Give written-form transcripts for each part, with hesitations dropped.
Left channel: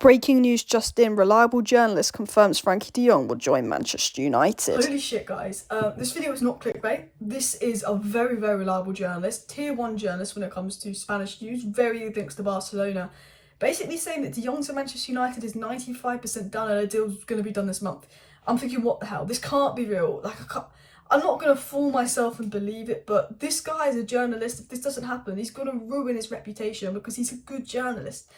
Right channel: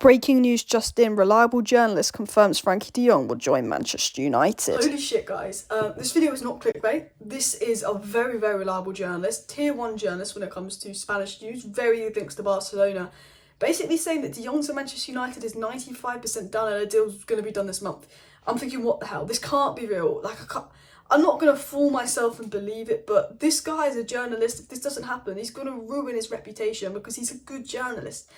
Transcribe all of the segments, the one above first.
Breaking news just in, reliable journalist confirms Frenkie De Jong will join Manchester United. Holy shit, guys. This video is not clickbait. This is a very, very reliable journalist, tier 1 journalist when it comes to Spanish news, very links to Barcelona, basically saying that De Jong to Manchester United is 95% done and a deal's going to be done this month. I'm thinking, what the hell? This can't be real. I'm not going to fool myself and believe it, but this guy is a journalist. If this doesn't happen, he's going to ruin his reputation because he's a good journalist.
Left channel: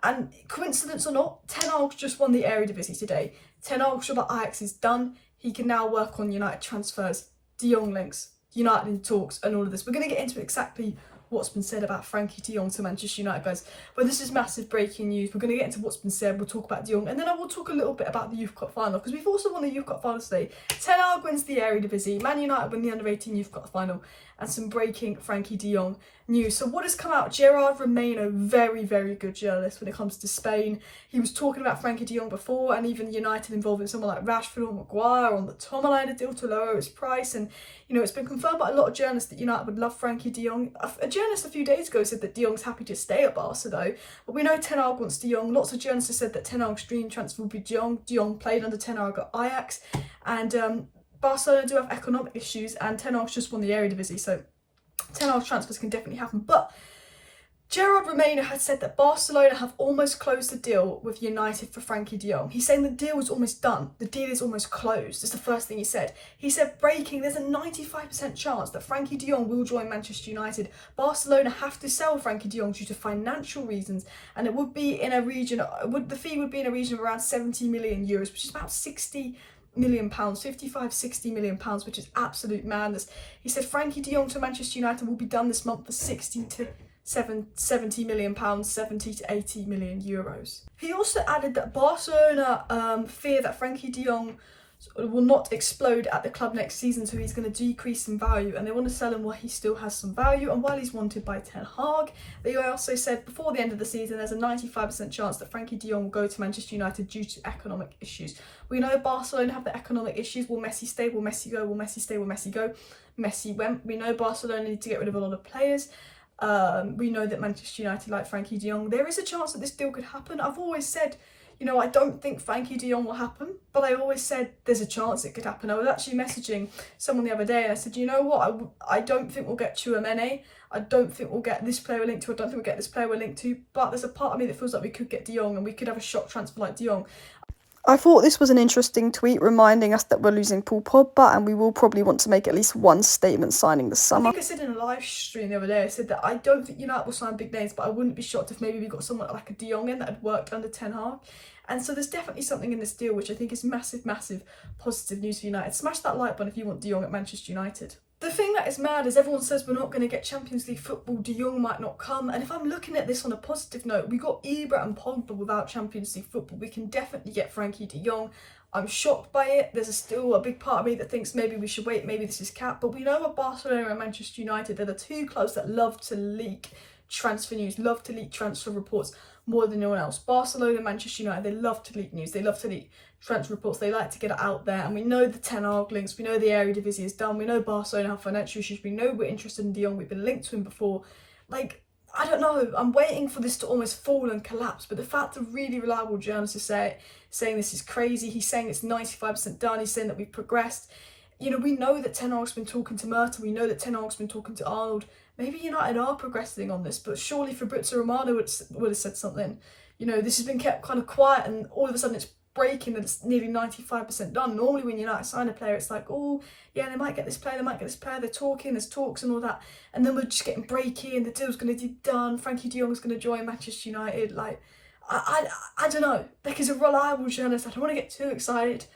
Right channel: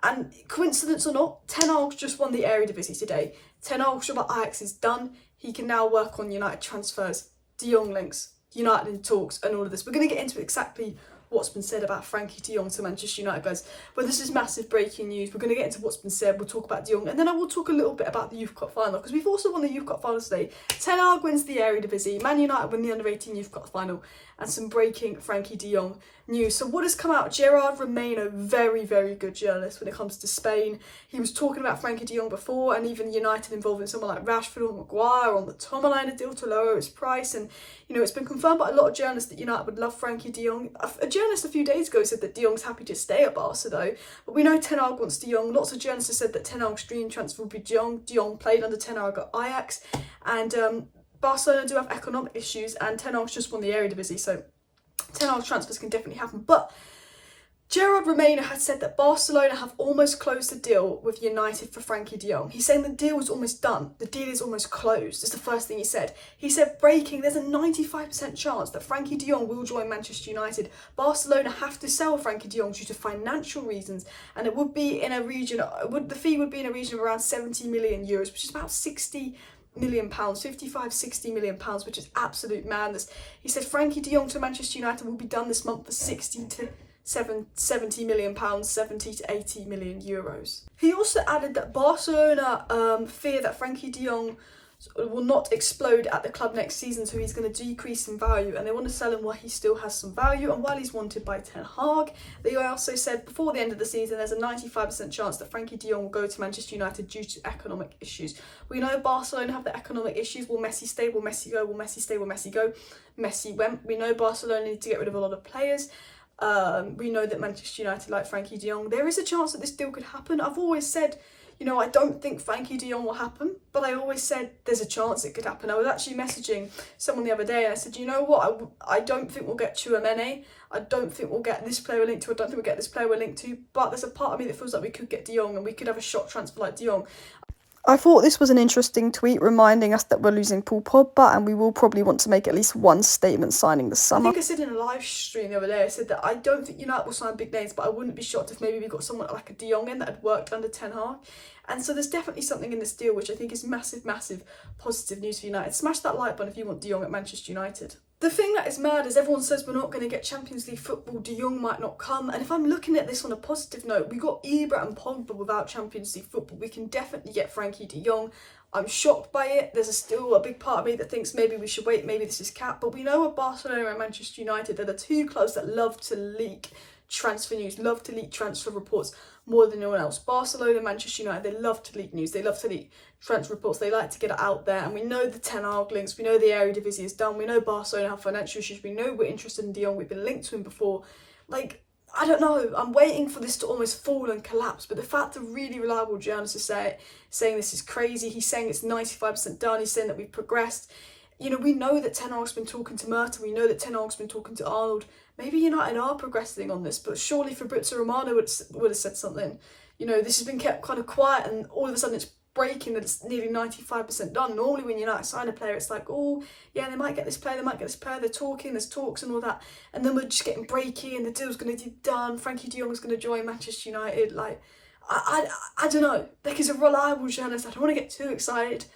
And coincidence or not, Ten Hag's just won the Eredivisie today. Ten Hag's job at Ajax is done. He can now work on United transfers, De Jong links, United in talks, and all of this. We're going to get into exactly what's been said about Frenkie De Jong to Manchester United, guys. But this is massive breaking news. We're going to get into what's been said. We'll talk about De Jong, and then I will talk a little bit about the Youth Cup final, because we've also won the Youth Cup final today. Ten Hag wins the Eredivisie. Man United win the Under-18 Youth Cup final, and some breaking Frenkie De Jong news. So what has come out? Gerard Romano, very, very good journalist when it comes to Spain. He was talking about Frenkie De Jong before, and even United involving someone like Rashford or Maguire on the Tomalina deal to lower his price. And you know, it's been confirmed by a lot of journalists that United would love Frenkie De Jong. A journalist a few days ago said that De Jong's happy to stay at Barca though, but we know Ten Hag wants De Jong. Lots of journalists have said that Ten Hag's dream transfer would be De Jong. De Jong played under Ten Hag at Ajax, and Barcelona do have economic issues, and Ten Hag's just won the Eredivisie, so Ten Hag's transfers can definitely happen. But Gerard Romano had said that Barcelona have almost closed the deal with United for Frenkie De Jong. He's saying the deal is almost done. The deal is almost closed. That's the first thing he said. He said, breaking, there's a 95% chance that Frenkie De Jong will join Manchester United. Barcelona have to sell Frenkie De Jong due to financial reasons, and it would be in a region, the fee would be in a region of around 70 million euros, which is about 60 million pounds, 60 million pounds, which is absolute madness. He said Frenkie De Jong to Manchester United will be done this month for 60 to 70 million pounds, 70 to 80 million euros. He also added that Barcelona fear that Frenkie De Jong will not explode at the club next season, so he's going to decrease in value, and they want to sell him while he still has some value and while he's wanted by Ten Hag. They also said before the end of the season there's a 95% chance that Frenkie De Jong will go to Manchester United due to economic issues. We know Barcelona have the economic issues. Will Messi stay? Will Messi go? Will Messi stay? Will Messi go? Messi went. We know Barcelona need to get rid of a lot of players. We know that Manchester United like Frenkie De Jong. There is a chance that this deal could happen. I've always said, you know, I don't think Frenkie De Jong will happen, but I always said there's a chance it could happen. I was actually messaging someone the other day and I said, you know what, I don't think we'll get Tchouaméni. I don't think we'll get this player we're linked to. I don't think we'll get this player we're linked to, but there's a part of me that feels like we could get De Jong and we could have a shock transfer like De Jong. I thought this was an interesting tweet reminding us that we're losing Paul Pogba, and we will probably want to make at least one statement signing this summer. I think I said in a live stream the other day, I said that I don't think United will sign big names, but I wouldn't be shocked if maybe we got someone like a De Jong in that had worked under Ten Hag. And so there's definitely something in this deal which I think is massive, massive positive news for United. Smash that like button if you want De Jong at Manchester United. The thing that is mad is everyone says we're not going to get Champions League football, De Jong might not come, and if I'm looking at this on a positive note, we got Ibra and Pogba without Champions League football. We can definitely get Frenkie De Jong. I'm shocked by it. There's still a big part of me that thinks maybe we should wait, maybe this is cap, but we know with Barcelona and Manchester United, they're the two clubs that love to leak transfer news, love to leak transfer reports more than anyone else. Barcelona and Manchester United, they love to leak news, they love to leak transfer reports, they like to get it out there, and we know the Ten Hag links, we know the Eredivisie is done, we know Barcelona have financial issues, we know we're interested in De Jong, we've been linked to him before. Like, I don't know, I'm waiting for this to almost fall and collapse, but the fact that really reliable journalists are saying this is crazy, he's saying it's 95% done, he's saying that we've progressed. You know, we know that Ten Hag's been talking to Merton, we know that Ten Hag's been talking to Arnold. Maybe United are progressing on this, but surely Fabrizio Romano would have said something. You know, this has been kept kind of quiet, and all of a sudden it's breaking and it's nearly 95% done. Normally when United sign a player, it's like, oh, yeah, they might get this player, they might get this player, they're talking, there's talks and all that. And then we're just getting breaky and the deal's going to be done. Frenkie De Jong's going to join Manchester United. Like, I don't know. Like, as a reliable journalist, I don't want to get too excited,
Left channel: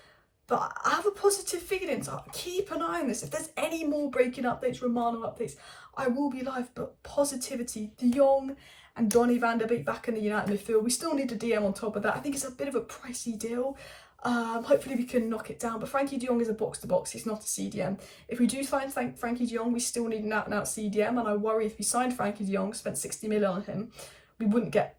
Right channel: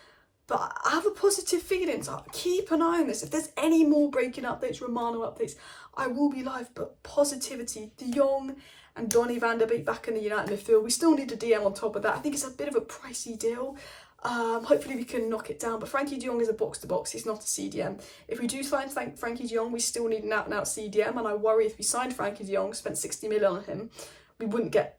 but I have a positive feeling, so keep an eye on this. If there's any more breaking updates, Romano updates, I will be live, but positivity. De Jong and Donny van der Beek back in the United midfield. We still need a DM on top of that. I think it's a bit of a pricey deal. Hopefully we can knock it down, but Frenkie De Jong is a box-to-box, he's not a CDM. If we do sign Frenkie De Jong, we still need an out-and-out CDM, and I worry if we signed Frenkie De Jong, spent 60 million on him, we wouldn't get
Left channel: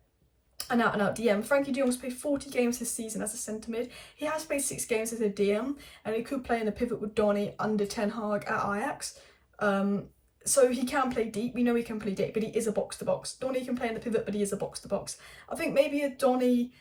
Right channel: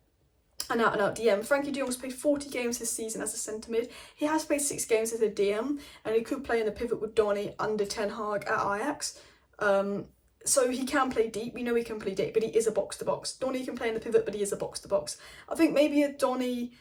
an out-and-out DM. Frenkie De Jong has played 40 games this season as a centre mid. He has played 6 games as a DM, and he could play in the pivot with Donny under Ten Hag at Ajax. So he can play deep. We know he can play deep, but he is a box-to-box. Donny can play in the pivot, but he is a box-to-box. I think maybe a Donny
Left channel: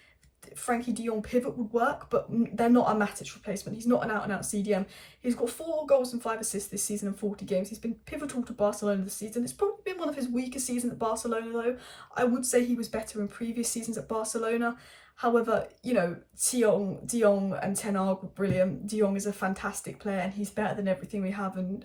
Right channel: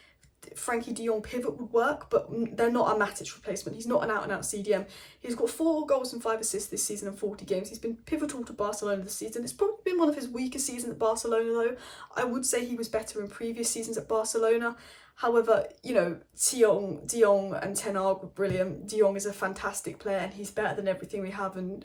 Frenkie De Jong pivot would work, but they're not a Matic replacement. He's not an out-and-out CDM. He's got 4 goals and 5 assists this season in 40 games. He's been pivotal to Barcelona this season. It's probably been one of his weaker seasons at Barcelona, though. I would say he was better in previous seasons at Barcelona. However, you know, De Jong and Ten Hag were brilliant. De Jong is a fantastic player and he's better than everything we have, and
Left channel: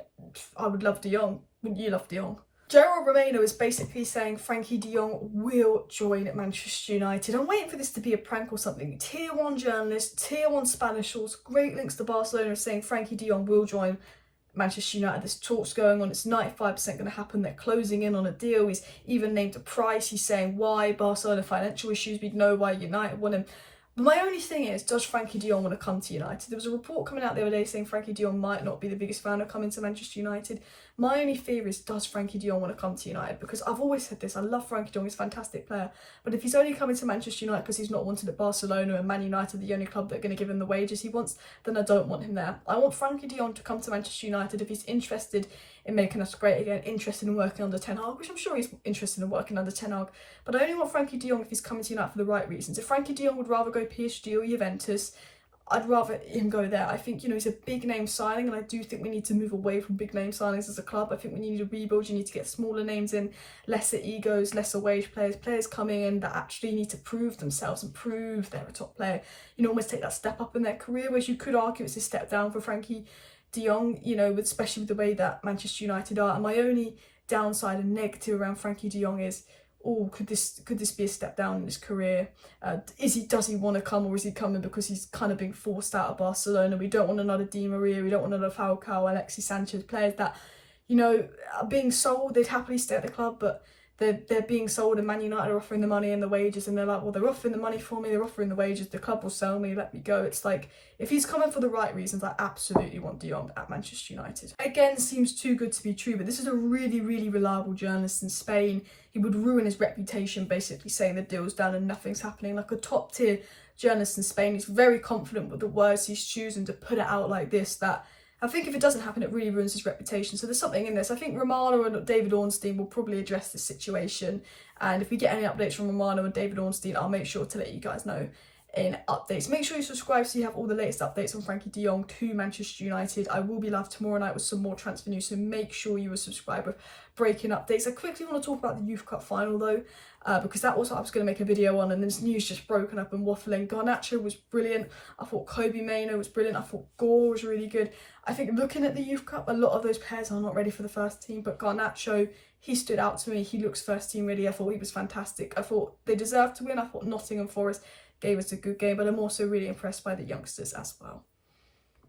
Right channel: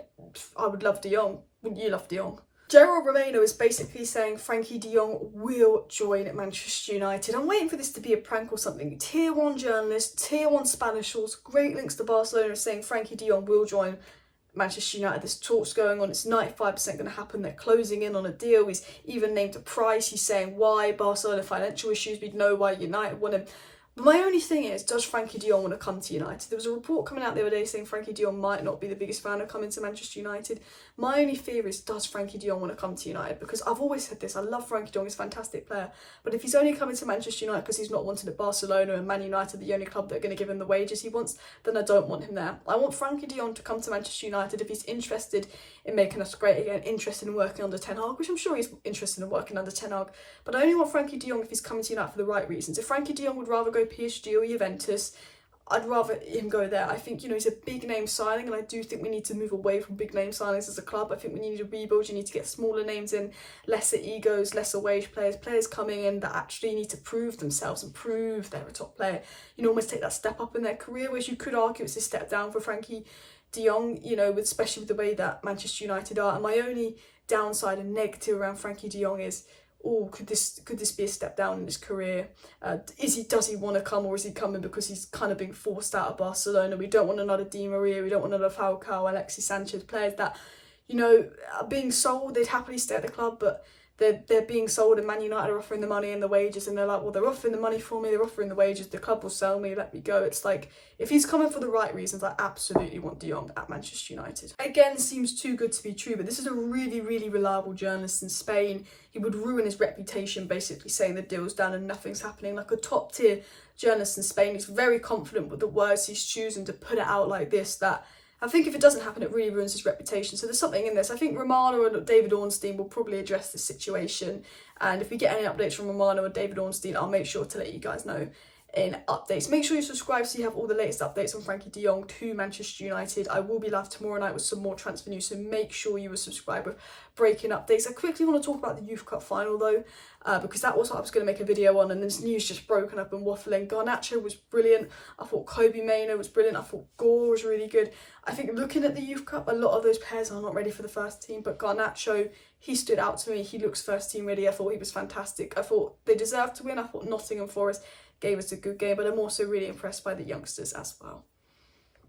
I would love De Jong. Wouldn't you love De Jong? Gerald Romano is basically saying Frenkie De Jong will join Manchester United. I'm waiting for this to be a prank or something. Tier 1 journalists, Tier 1 Spanish source, great links to Barcelona saying Frenkie De Jong will join Manchester United. There's talks going on. It's 95% going to happen. They're closing in on a deal. He's even named a price. He's saying why Barcelona financial issues. We'd know why United want him. But my only thing is, does Frenkie De Jong want to come to United? There was a report coming out the other day saying Frenkie De Jong might not be the biggest fan of coming to Manchester United. My only fear is, does Frenkie De Jong want to come to United? Because I've always said this, I love Frenkie De Jong, he's a fantastic player. But if he's only coming to Manchester United because he's not wanted at Barcelona and Man United are the only club that are going to give him the wages he wants, then I don't want him there. I want Frenkie De Jong to come to Manchester United if he's interested in making us great again, interested in working under Ten Hag, which I'm sure he's interested in working under Ten Hag. But I only want Frenkie De Jong if he's coming to United for the right reasons. If Frenkie De Jong would rather go PSG or Juventus, I'd rather him go there. I think, you know, he's a big name signing, and I do think we need to move away from big name signings as a club. I think we need a rebuild. You need to get smaller names in, lesser egos, lesser wage players coming in that actually need to prove themselves and prove they're a top player. You know, almost take that step up in their career, whereas you could argue it's a step down for Frenkie De Jong, you know, especially with the way that Manchester United are. And my only downside and negative around Frenkie De Jong is, oh, could this be a step down in his career? Does he want to come, or is he coming because he's kind of being forced out of Barcelona? We don't want another Di Maria, we don't want another Falcao, Alexis Sanchez, players that, you know, are being sold. They'd happily stay at the club, but they're being sold, and Man United are offering the money and the wages, and they're like, well, they're offering the money for me, they're offering the wages, the club will sell me, let me go. It's like, if he's coming for the right reasons, I absolutely want De Jong at Manchester United. Again, seems too good to be true, but this is a really, really reliable journalist in Spain. He would ruin his reputation basically saying the deal's done and nothing's happening. Like a top tier journalist in Spain, he's very confident with the words he's choosing to put it out like this, that I think if it doesn't happen, it really ruins his reputation. So there's something in this. I think Romano and David Ornstein will probably address this situation. And if we get any updates from Romano and David Ornstein, I'll make sure to let you guys know in updates. Make sure you subscribe so you have all the latest updates on Frenkie De Jong to Manchester United. I will be live tomorrow night with some more transfer news, so make sure you are subscribed with breaking updates. I quickly want to talk about the Youth Cup final though, because that was what I was going to make a video on, and this news just broken up and waffling. Garnacho was brilliant. I thought Kobe Mainoo was brilliant. I thought Gore was really good. I think looking at the Youth Cup, a lot of those players are not ready for the first team, but Garnacho, he stood out to me. He looks first team ready. I thought he was fantastic. I thought they deserved to win. I thought Nottingham Forest gave us a good game, but I'm also really impressed by the youngsters as well.